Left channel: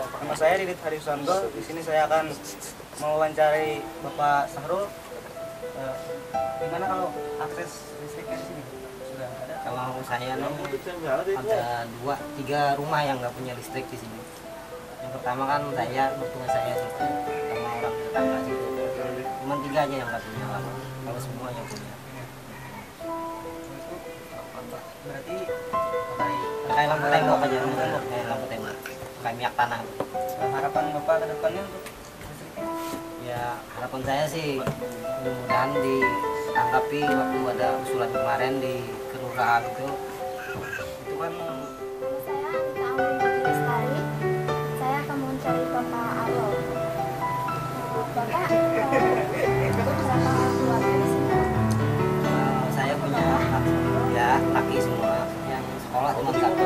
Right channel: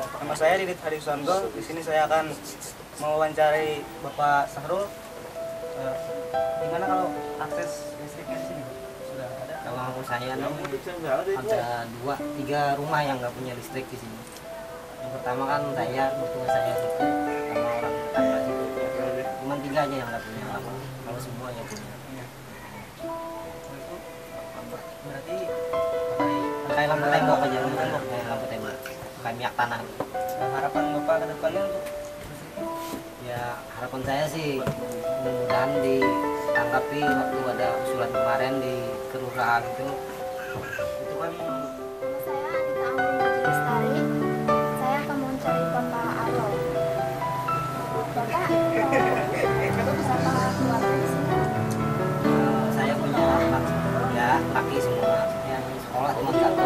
Nama saya Didit Harisanto. Di sini saya akan mewawancari Bapak Sahrul. Gimana kalau akses listriknya di sini? Sudah ada? Kalau saya nih ada 2-3 rumah yang nggak punya listrik di sini. Yang pertama kan saya, mertua saya situ, sama orang tetangga situ. Cuma 3 aja yang nggak punya. Kalau semua yang punya. Berarti Kayak lampu tembok aja, kayak lampu tembok, kayak minyak tanah. harapan Bapak ke depannya untuk listriknya? Ya harapan saya sih mudah-mudahan ditanggapi waktu ada usulan kemarin di kelurahan itu kan. Nama saya Anita Anggun Puji Lestari. Saya akan mencari Bapak Arul. Bapak berapa keluarga di sini? Saya punya laki semua, yang sekolah cuma 1, yang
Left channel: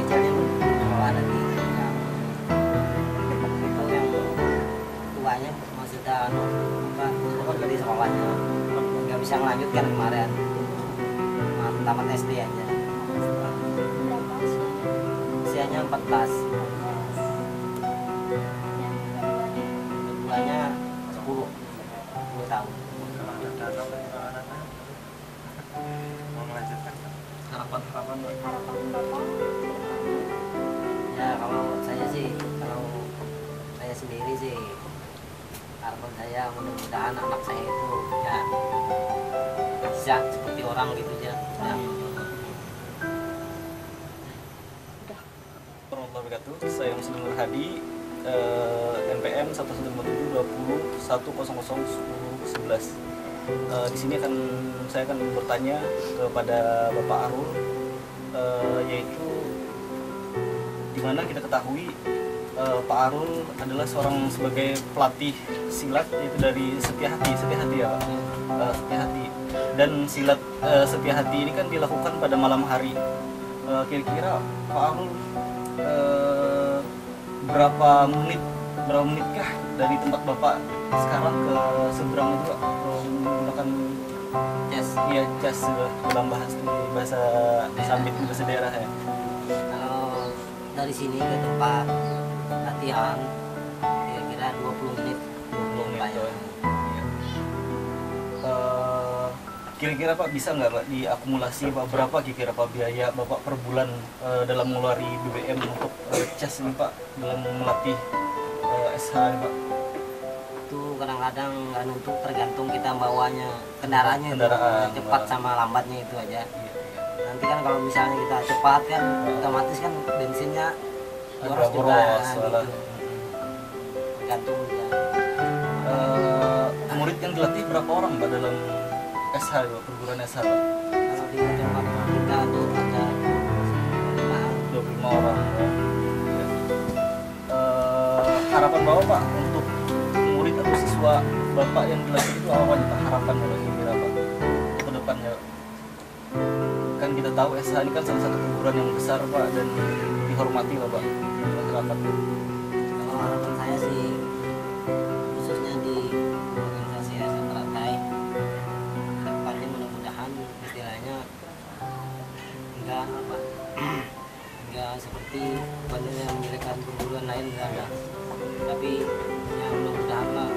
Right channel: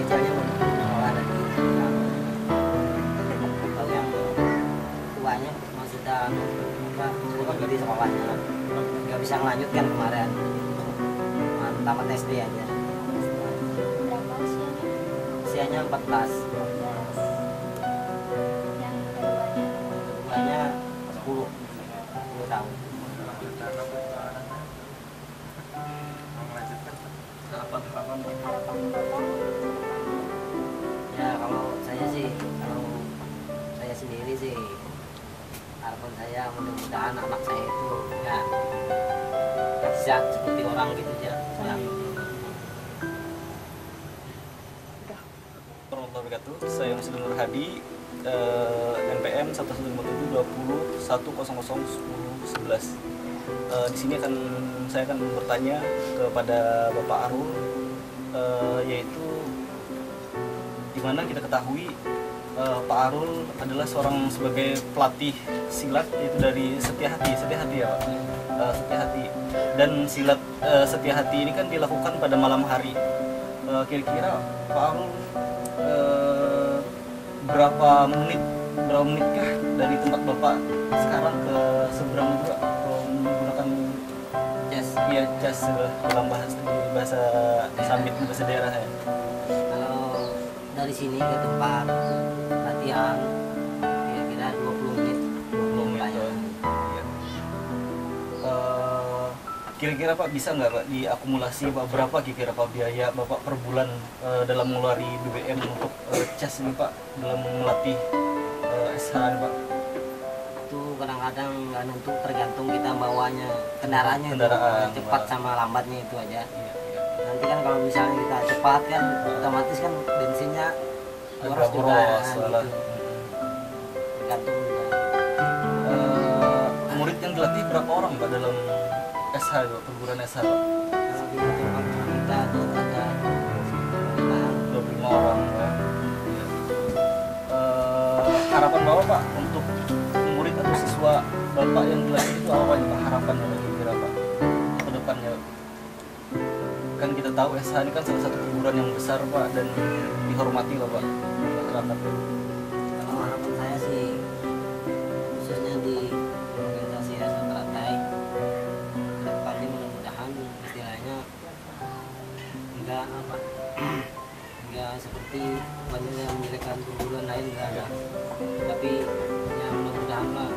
kecilnya belum sekolah lagi, yang tuanya masih sudah berhenti sekolahnya, nggak bisa melanjutkan kemarin, tamat SD aja. Berapa usianya? Usianya 14. Yang keduanya? Keduanya 10 tahun. Harapan Harapan Bapak ke depannya? Ya kalau saya sendiri sih, harapan saya mudah-mudahan anak saya itu ya bisa seperti orang gitu aja. warahmatullahi wabarakatuh. Saya Muslim Nur Hadi, NPM 1572021001011. Di sini saya akan bertanya kepada Bapak Arul, yaitu dimana kita ketahui Pak Arul adalah seorang sebagai pelatih silat, yaitu dari Setia Hati ya Pak. Setia Hati, dan silat Setia Hati ini kan dilakukan pada malam hari. Kira-kira Pak Arul berapa menitkah dari tempat Bapak sekarang ke seberang itu Pak, menggunakan jas dalam bahasa Sambit, bahasa daerah ya? Kalau dari sini ke tempat latihan kira-kira 20 menit. Iya. Kira-kira Pak bisa nggak Pak diakumulasi Pak, berapa kira-kira Pak biaya Bapak per bulan dalam mengeluari BBM untuk cas ini Pak, dalam melatih SH ini Pak? Itu kadang-kadang nggak nentu, tergantung kita bawanya kendaraannya, cepat sama lambatnya itu aja. Iya. Nanti kan kalau misalnya kita cepat kan otomatis kan bensinnya boros juga gitu. Tergantung juga. Murid yang dilatih berapa orang Pak dalam SH itu, perguruan SH Pak? Kalau di tempat kita tuh ada 25 orang. Iya. Harapan Bapak Pak untuk murid atau siswa Bapak yang dilatih itu apa aja Pak, harapannya Pak kira-kira Pak ke depannya? Kan kita tahu SH ini kan salah satu perguruan yang besar Pak dan dihormati lah Pak masyarakat. Kalau harapan saya sih khususnya di organisasi SH Teratai ke depan ini mudah-mudahan istilahnya enggak seperti yang menjelekkan perguruan lain, enggak ada, tapi ya mudah-mudahan lah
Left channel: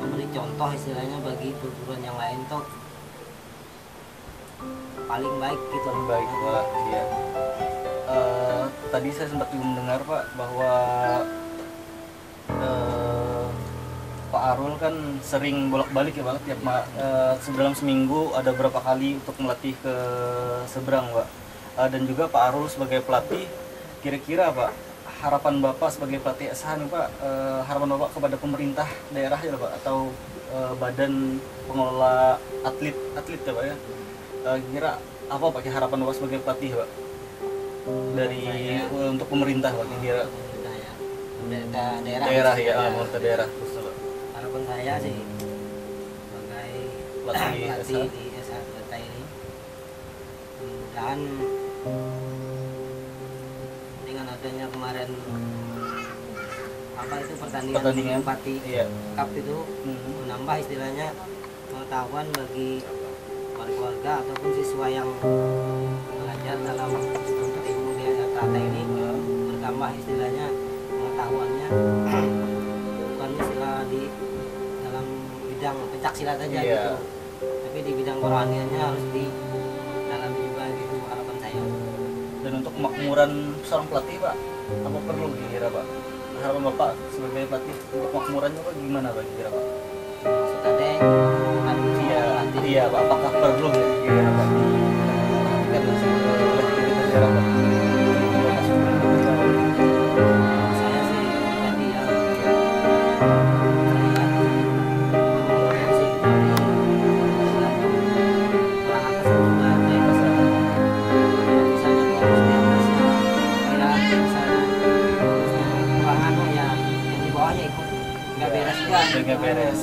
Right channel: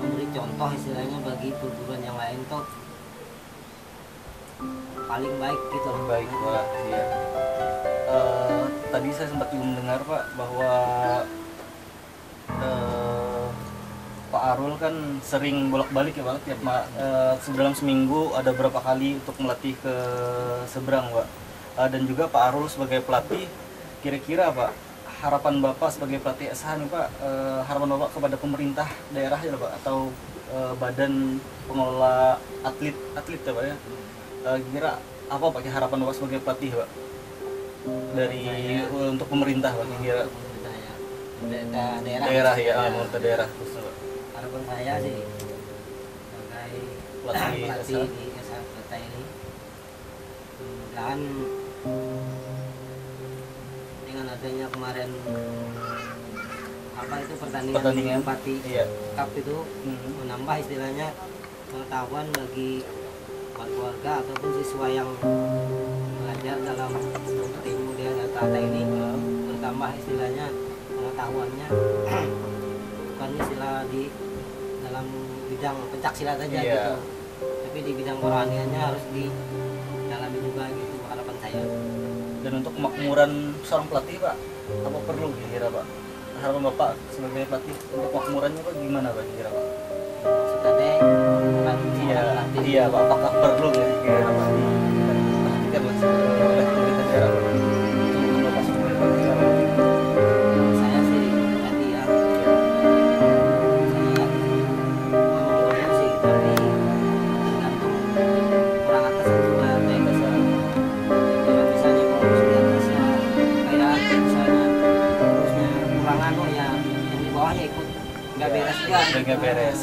memberi contoh istilahnya bagi perguruan yang lain tuh paling baik gitu. Baik Pak, iya. Tadi saya sempat juga mendengar Pak bahwa Pak Arul kan sering bolak-balik ya Pak, tiap dalam seminggu ada berapa kali untuk melatih ke seberang Pak. Dan juga Pak Arul sebagai pelatih, kira-kira Pak harapan Bapak sebagai pelatih SH nih Pak, harapan Bapak kepada pemerintah daerah ya Pak, atau badan pengelola atlet ya Pak ya, kira apa Pak harapan Bapak sebagai pelatih Pak dari untuk pemerintah Pak, kira Pemerintah ya, daerah ya, pemerintah daerah terus Pak. Harapan saya sih sebagai Pelatih di SH Teratai ini mudah-mudahan dengan adanya kemarin pertandingan Pati Cup itu menambah istilahnya pengetahuan bagi warga ataupun siswa yang belajar dalam untuk ilmu di Tata ini bertambah istilahnya pengetahuannya bukan istilah di dalam bidang pencak silat aja gitu, tapi di bidang kerohaniannya harus didalami juga gitu harapan saya. Dan untuk kemakmuran seorang pelatih Pak, apa perlu kira Pak? Harapan Bapak sebagai pelatih untuk kemakmurannya Pak gimana Pak kira Pak? Maksud ada pelatih. Iya Pak, apakah perlu kira Pak diperhatikan oleh pemerintah daerah Pak? Saya sih pribadi ya, saya memang sih, tapi tergantung orang atas juga. Misalnya kalau di atasnya kayak misalnya terusnya kurang anu ya, yang di bawahnya ikut nggak beres juga. Nggak beres.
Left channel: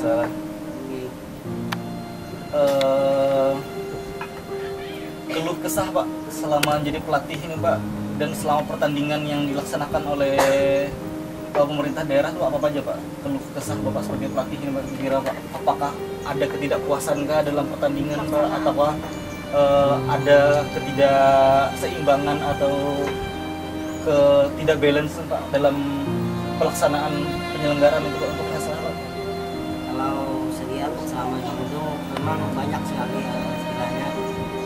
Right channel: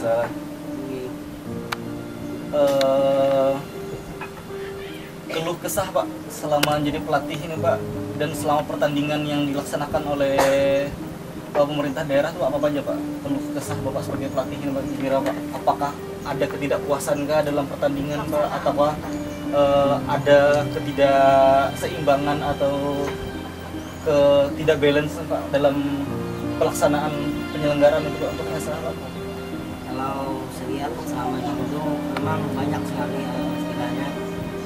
Keluh kesah Pak selama jadi pelatih ini Pak, dan selama pertandingan yang dilaksanakan oleh pemerintah daerah itu apa aja Pak? Keluh kesah Bapak sebagai pelatih ini Pak kira Pak, apakah ada ketidakpuasan kah dalam pertandingan Pak, atau ada ketidakseimbangan atau ketidak balance Pak dalam pelaksanaan penyelenggaraan untuk masalah Pak? Kalau saya lihat selama itu memang banyak sekali istilahnya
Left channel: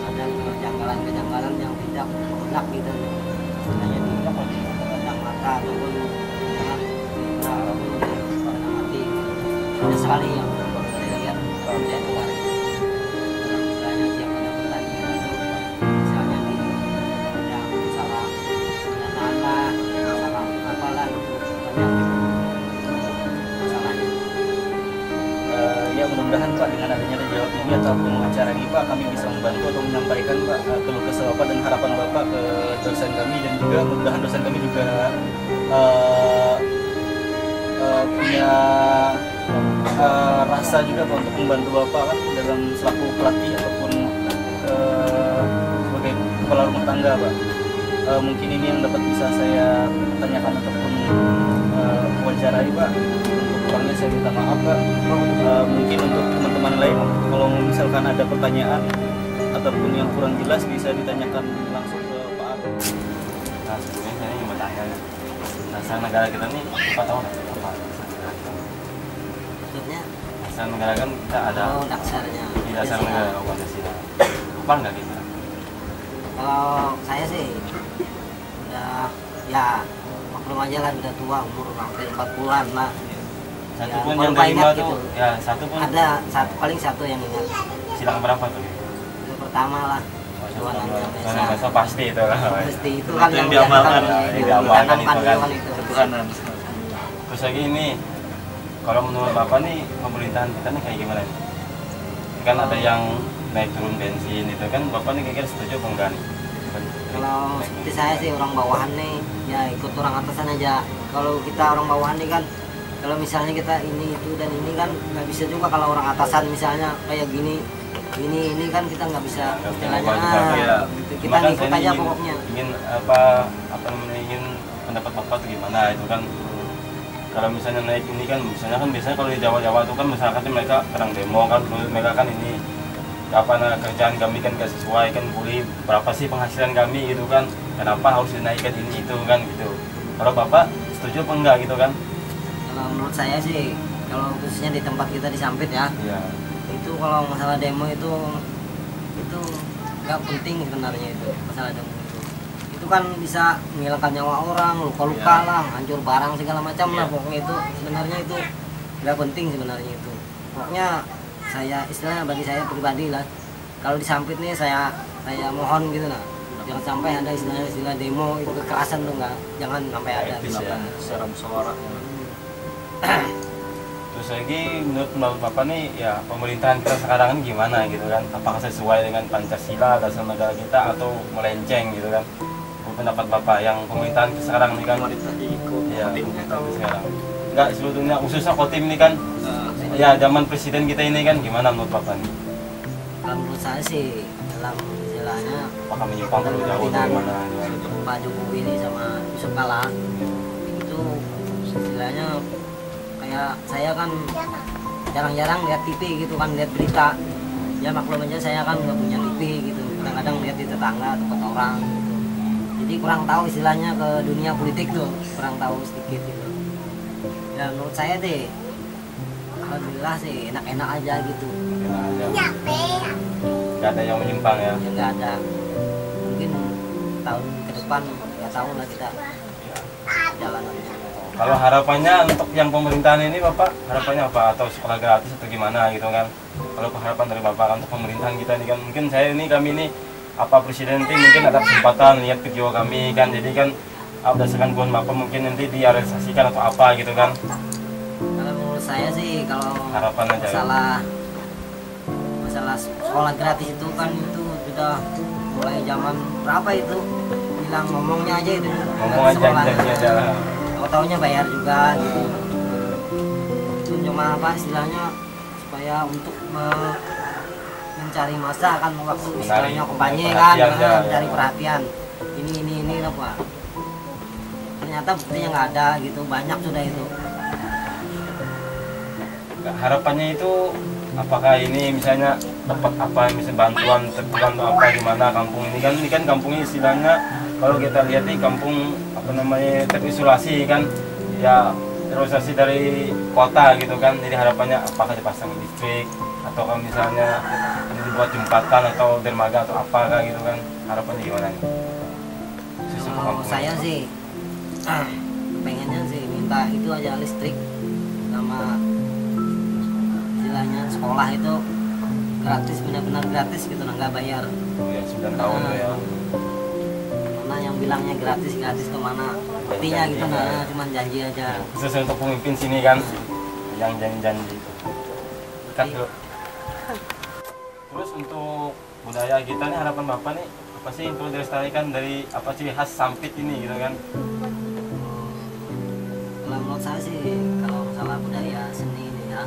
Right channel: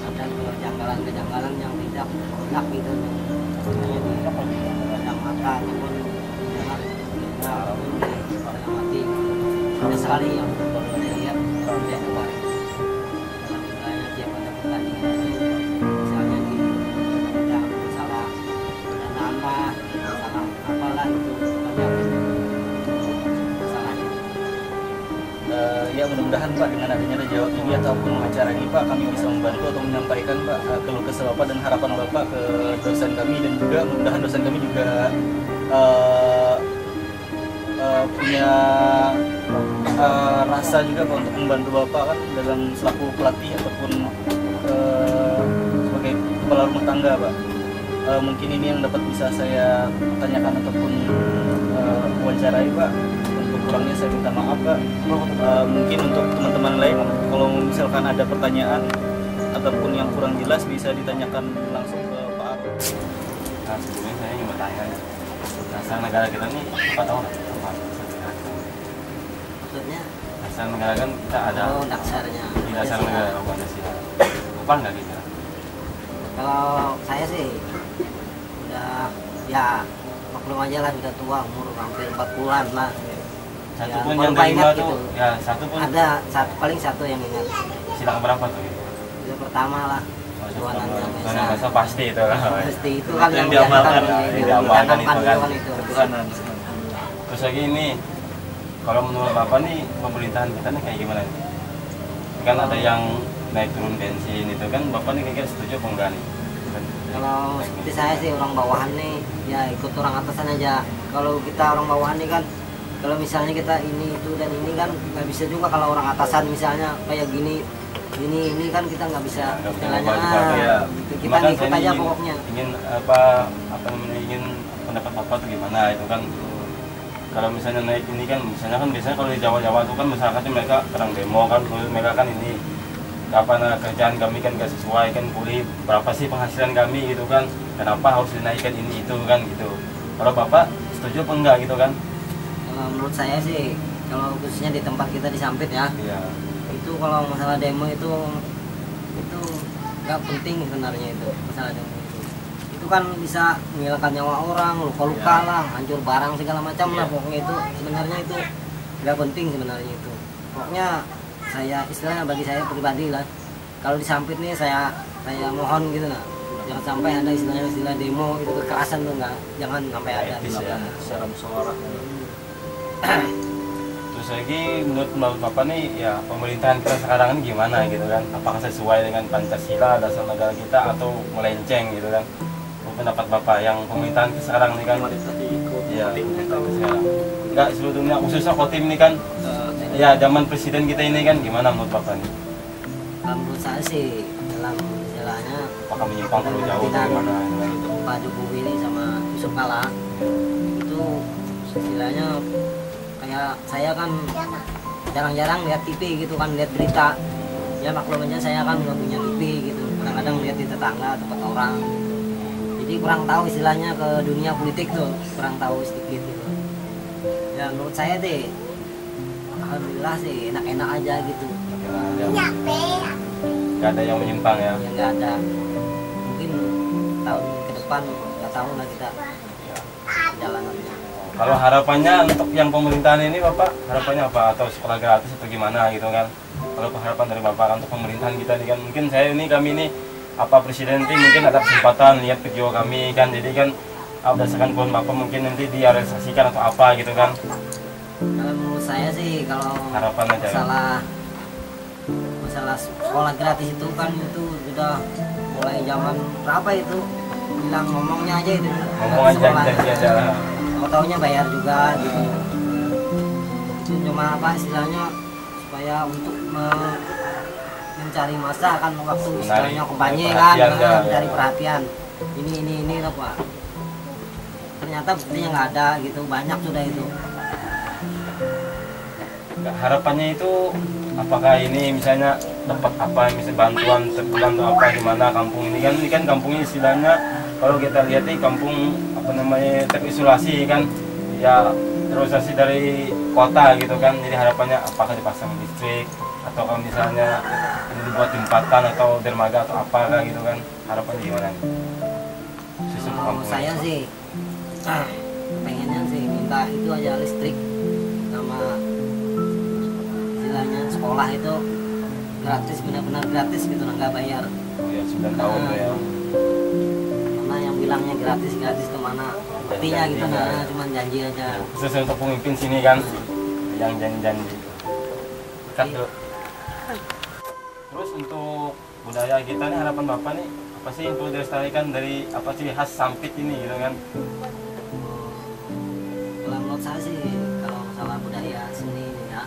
ada kejanggalan-kejanggalan yang tidak enak gitu, istilahnya di pandang mata ataupun dengan telinga ataupun di pandang hati. Banyak sekali yang saya lihat tidak luar dalam istilahnya tiap ada pertandingan itu, misalnya di bidang masalah pendanaan, masalah apalah itu banyak masalahnya. Ya mudah-mudahan Pak dengan adanya jawab ini ataupun wawancara ini Pak, kami bisa membantu atau menyampaikan Pak keluh kesah Bapak dan harapan Bapak ke dosen kami, dan juga mudah-mudahan dosen kami juga punya rasa juga Pak untuk membantu Bapak kan dalam selaku pelatih ataupun sebagai kepala rumah tangga Pak. Mungkin ini yang dapat bisa saya tanyakan ataupun wawancarai Pak. Kurangnya saya minta maaf Pak. Mungkin untuk teman-teman lain kalau misalkan ada pertanyaan ataupun yang kurang jelas bisa ditanyakan langsung ke Pak Arul. Nah sebelumnya saya ingin bertanya, asal negara kita nih apa tahu apa? Maksudnya Asal negara kan kita ada dasarnya di dasar negara Pancasila. Apa enggak kita? Kalau saya sih udah ya maklum aja lah, udah tua, umur hampir 40-an lah. Satu Ya, pun baru yang terima ingat tuh, gitu. ya satu pun Ada paling satu yang ingat. silang berapa tuh ya? Itu pertama lah. Soalnya besok pasti itu lah. Pasti itu kan Yang diamalkan, yang diamalkan itu kan. itu. Ketuhanan. Terus lagi ini, kalau menurut Bapak nih pemerintahan kita nih kayak gimana nih? Kan ada yang naik turun bensin itu kan, Bapak nih kira-kira setuju apa enggak nih? Kan, Kalau seperti saya sih orang bawahan nih ya ikut orang atasan aja. Kalau kita orang bawahan nih kan, kalau misalnya kita ini itu dan ini kan nggak bisa juga. Kalau orang atasan misalnya kayak gini ini kan kita nggak bisa nggak bisa istilahnya ngubah juga, ya. gitu. Cuma Kita kan ikut saya aja ingin- pokoknya. Ingin apa namanya, ingin pendapat Bapak tuh gimana itu kan? Kalau misalnya naik ini kan, misalnya kan biasanya kalau di Jawa-Jawa tuh kan masyarakatnya mereka kadang demo kan, mereka kan ini apa kerjaan kami kan gak sesuai kan, pulih berapa sih penghasilan kami gitu kan, kenapa harus dinaikkan ini itu kan gitu. Kalau Bapak setuju apa enggak gitu kan? Kalau menurut saya sih, kalau khususnya di tempat kita di Sampit ya, Iya. itu kalau masalah demo itu nggak penting sebenarnya. Itu masalah demo itu kan bisa menghilangkan nyawa orang, luka-luka lah, hancur barang segala macam lah, pokoknya itu sebenarnya itu nggak penting sebenarnya itu. Pokoknya saya istilahnya bagi saya pribadi lah, kalau di Sampit nih saya mohon gitu nah, jangan sampai ada istilah demo itu kekerasan tuh, nggak, jangan sampai ada Etis gitu. ya. Secara musyawarah. Terus lagi menurut Bapak nih ya pemerintahan kita sekarang ini gimana gitu kan? Apakah sesuai dengan Pancasila, dasar negara kita, atau melenceng gitu kan? Pendapat Bapak yang pemerintahan sekarang nih kan? Ya, pemerintahan sekarang. Enggak sebetulnya khususnya Kotim ini kan? Ya zaman presiden kita ini kan gimana menurut Bapak nih? Kalau menurut saya sih dalam istilahnya Apakah menyimpang terlalu jauh atau gimana gitu kan? Pak Jokowi ini sama Yusuf Kala itu istilahnya kayak saya kan jarang-jarang lihat TV gitu kan, lihat berita ya, maklum aja saya kan nggak punya TV gitu, kadang-kadang lihat di tetangga tempat orang, jadi jadi kurang tahu istilahnya ke dunia politik tuh, kurang tahu sedikit gitu. Ya menurut saya deh alhamdulillah sih enak-enak aja gitu. Enak aja. Gak ada yang menyimpang ya. Ya nggak ada, mungkin tahun ke depan nggak tahu lah kita jalanannya. Kalau harapannya untuk yang pemerintahan ini Bapak, harapannya apa? Atau sekolah gratis atau gimana gitu kan? Kalau harapan dari Bapak untuk pemerintahan kita ini kan, mungkin kami ini apa presiden ini mungkin ada kesempatan lihat video kami kan, jadi kan berdasarkan keluhan Bapak mungkin nanti direalisasikan atau apa gitu kan? Kalau menurut saya sih kalau Harapan aja. masalah sekolah gratis itu kan itu sudah mulai zaman berapa itu bilang ngomongnya aja itu Ngomong aja, janji aja lah. tahu-taunya bayar juga gitu. Itu cuma apa istilahnya supaya untuk mencari masa kan waktu istilahnya kampanye kan, mencari perhatian ini lah Pak. Ternyata buktinya nggak ada gitu, banyak sudah itu. Harapannya itu apakah ini misalnya dapat apa misalnya bantuan terbulan atau apa gimana kampung ini kan kampungnya istilahnya kalau kita lihat nih kampung apa namanya terisolasi kan ya, terisolasi dari kota gitu kan, jadi harapannya apakah dipasang listrik atau kalau misalnya ini dibuat jembatan atau dermaga atau apa gitu kan, harapannya gimana nih? Kalau saya sih pengennya sih minta itu aja listrik sama istilahnya sekolah itu gratis, benar-benar gratis gitu, nggak bayar. Oh ya 9 tahun tuh ya. Karena yang bilangnya gratis tuh mana buktinya gitu, nah cuma janji aja. Khusus untuk pemimpin sini kan yang janji-janji. Cut dulu. Terus untuk budaya kita nih, harapan Bapak nih apa sih yang perlu dilestarikan dari apa ciri khas Sampit ini gitu kan? Kalau menurut saya sih kalau masalah budaya seni ini ya,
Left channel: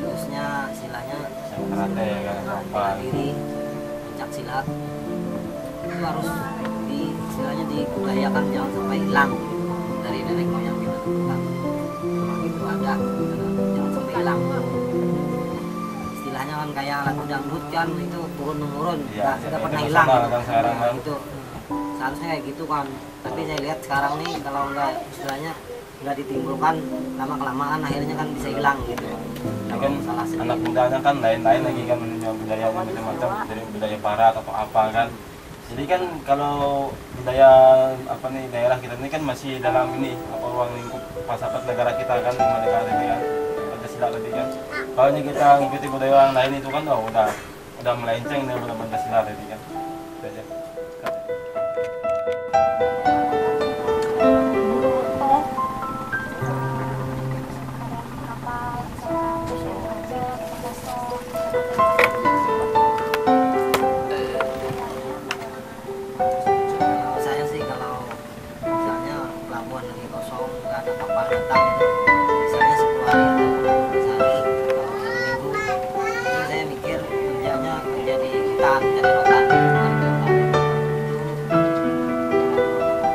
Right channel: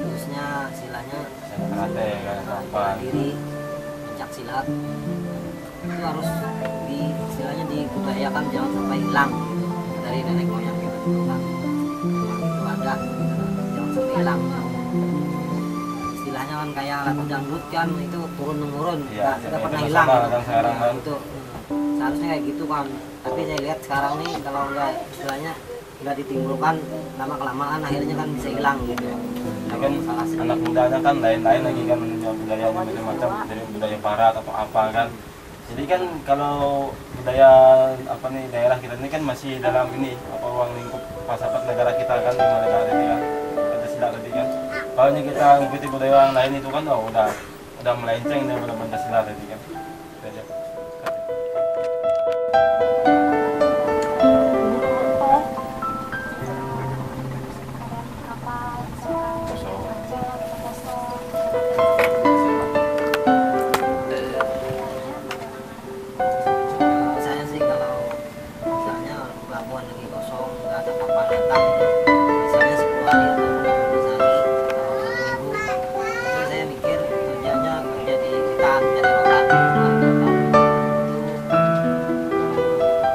khususnya istilahnya Karate ya kan apa? bela diri, pencak silat itu harus istilahnya dibudayakan, jangan sampai hilang gitu dari nenek moyang gitu kan. Memang itu ada gitu loh, jangan sampai hilang. Istilahnya kan kayak lagu dangdut kan itu turun temurun, Iya, nggak pernah itu hilang. kan sekarang Nah, kan. itu seharusnya kayak gitu kan. Tapi saya lihat sekarang nih kalau nggak istilahnya nggak ditimbulkan lama kelamaan akhirnya kan bisa hilang gitu. Ini kan anak mudanya kan lain-lain lagi kan menunjukkan budaya macam-macam dari budaya barat atau apa kan. Jadi kan kalau budaya apa nih daerah kita ini kan masih dalam ini apa ruang lingkup pasapat negara kita kan, 5 negara ini kan ada sila tadi kan. Kalau kita ngikuti budaya orang lain itu kan udah melenceng nih, udah Pancasila tadi kan. Itu aja. Kalau saya sih kalau misalnya pelabuhan lagi kosong nggak ada kapal datang itu misalnya 10 hari atau 15 hari atau 1 minggu itu saya mikir kerjanya kerja di hutan, jadi rotan itu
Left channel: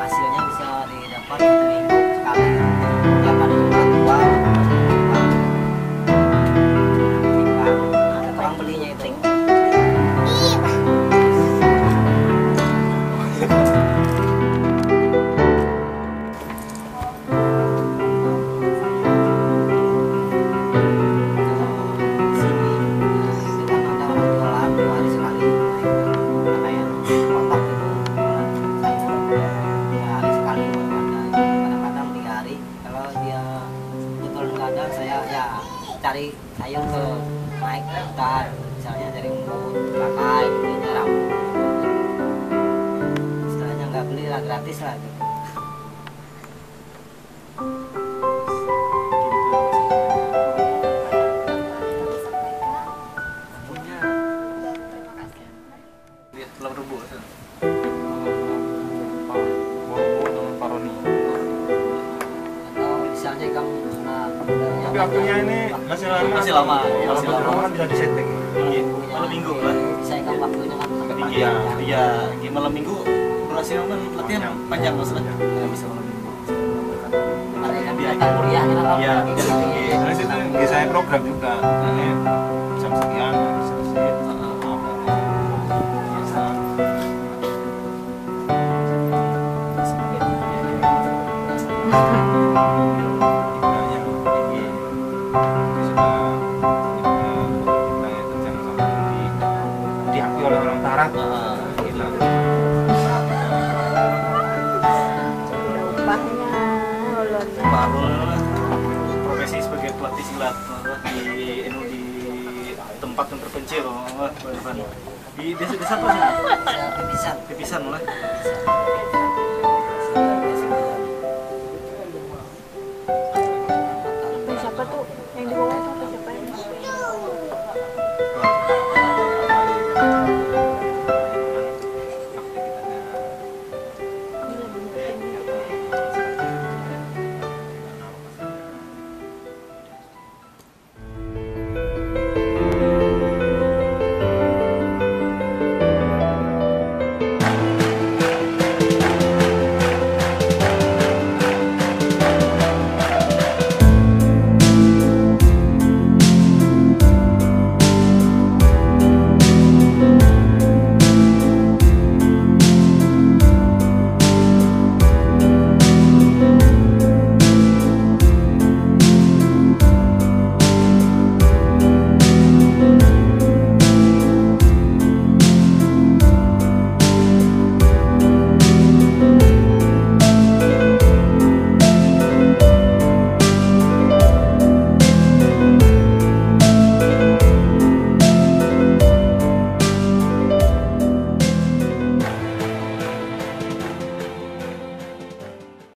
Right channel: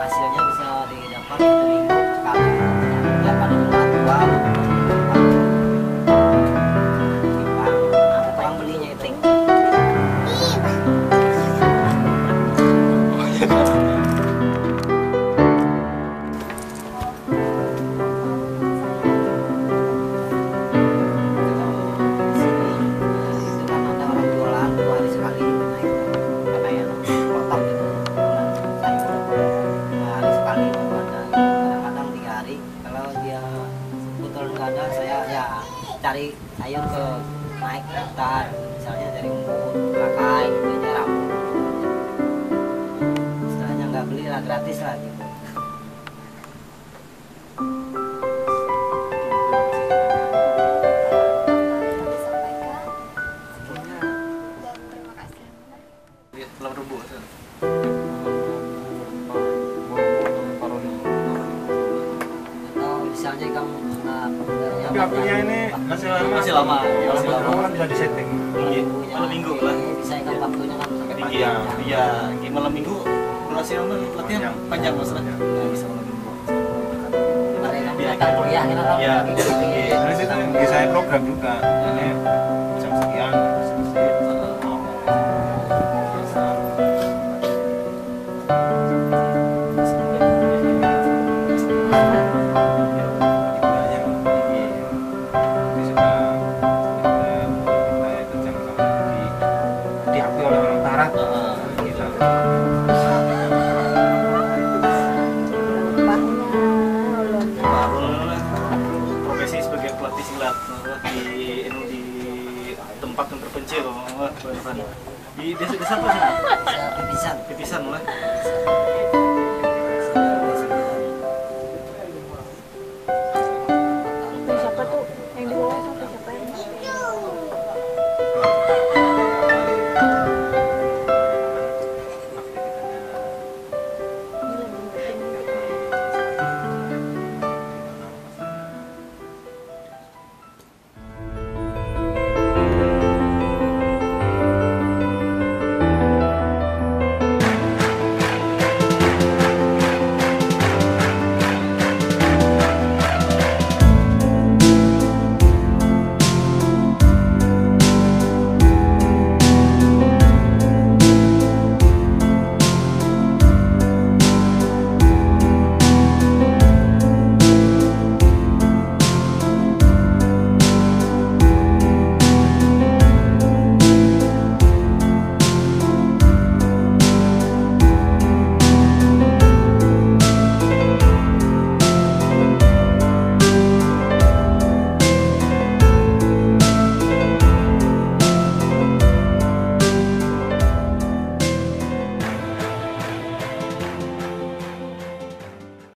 hasilnya bisa didapat 1 minggu sekali tiap hari Jumat jual ada tukang belinya itu. Itu kan ada orang jualan 2 hari sekali naik pakaian kotak gitu, jualan sayur 2 hari sekali baru ada, kadang-kadang 3 hari. Kalau dia betul nggak ada, saya ya cari sayur ke naik ke hutan, misalnya dari umput, rakai gitu, jarang istilahnya nggak beli lah, gratis lah gitu. Kami sampaikan. Dan terima kasih. Atau misalnya kamu Tapi waktunya ini masih lama. Masih lama. Kan bisa disetting. Malam minggu lah. bisa ikan waktunya kan sampai Iya, panjang. iya. Malam minggu durasi latihan panjang maksudnya. Ya, bisa malam minggu. Kemarin kan datang kuliah kita kan Iya. Dari situ ya saya program juga. Ini jam sekian sedikit. Biasa. di Silat di tempat yang terpencil di desa apa sih? Pipisan. Pipisan lah. Pipisan.